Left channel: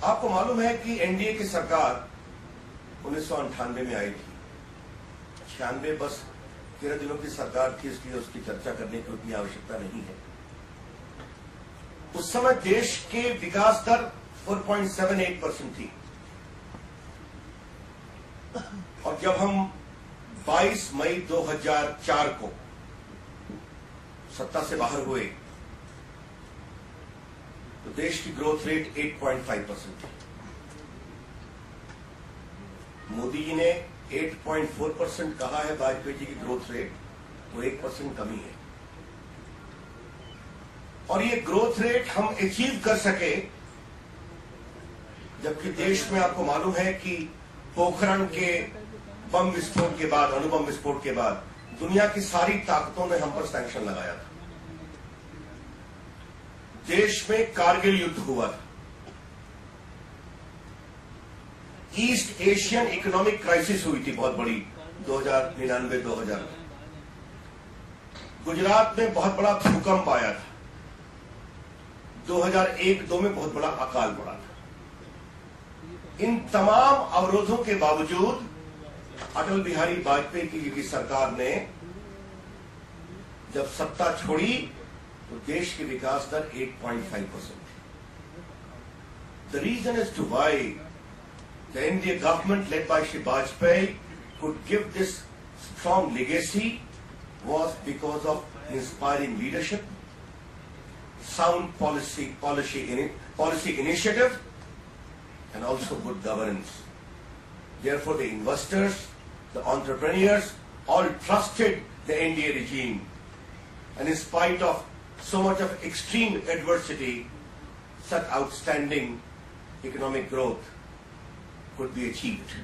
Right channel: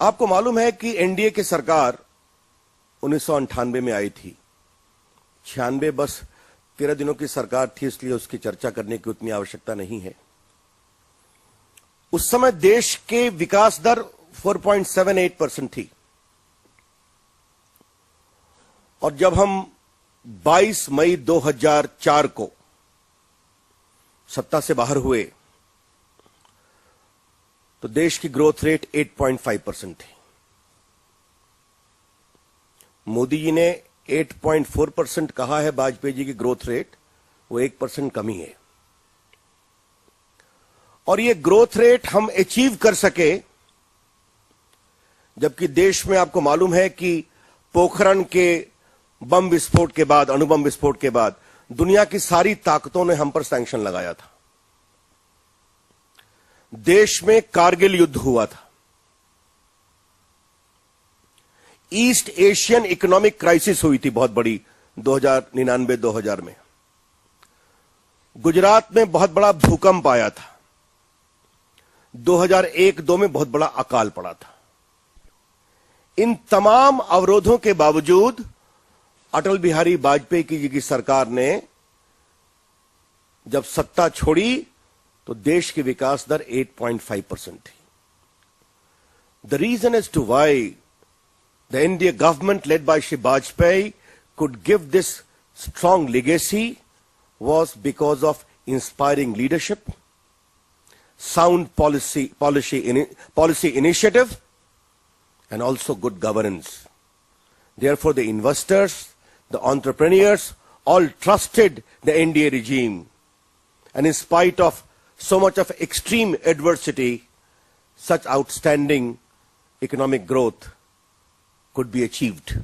आपको मालूम है कि एनडीए की सरकार 1998 में आई थी। 96 बस 13 दिनों की सरकार थी, इसलिए उसकी चर्चा करने की उतनी आवश्यकता नहीं है। उस समय देश के विकास दर 4.78% थी और जब हम 22 मई 2004 को सत्ता से बाहर हुए तो देश की ग्रोथ रेट 8.5% थी। मोदी जी ने 8.4% कहा है वाजपेयी जी की ग्रोथ रेट, वो 1% कमी है। और ये ग्रोथ रेट हम अचीव कर सके जबकि देश में आपको मालूम है कि पोखरण के बम विस्फोट के बाद, अणुबम विस्फोट के बाद दुनिया की सारी ताकतों ने हम पर सैंक्शन लगाया था। देश में कारगिल युद्ध हुआ था। ईस्ट एशियन इकोनॉमिक क्राइसिस हुई थी बहुत बड़ी 2099-2000 में। गुजरात में बहुत बड़ा भूकंप आया था। 2001-2 में बहुत बड़ा अकाल पड़ा था। इन तमाम अवरोधों के बावजूद अटल बिहारी वाजपेयी जी की सरकार ने जब सत्ता छोड़ी तो देश की विकास दर 8.5% थी। The reason as to why the NDA government led by Shri Vajpayee could give this strong legacy was because of inspiring leadership, sound policy initiative, and also good governance. Therefore, the investors, the entrepreneurs, all trusted the NDA regime. And in spite of so much of extreme adversity, such outstanding economic growth could be achieved.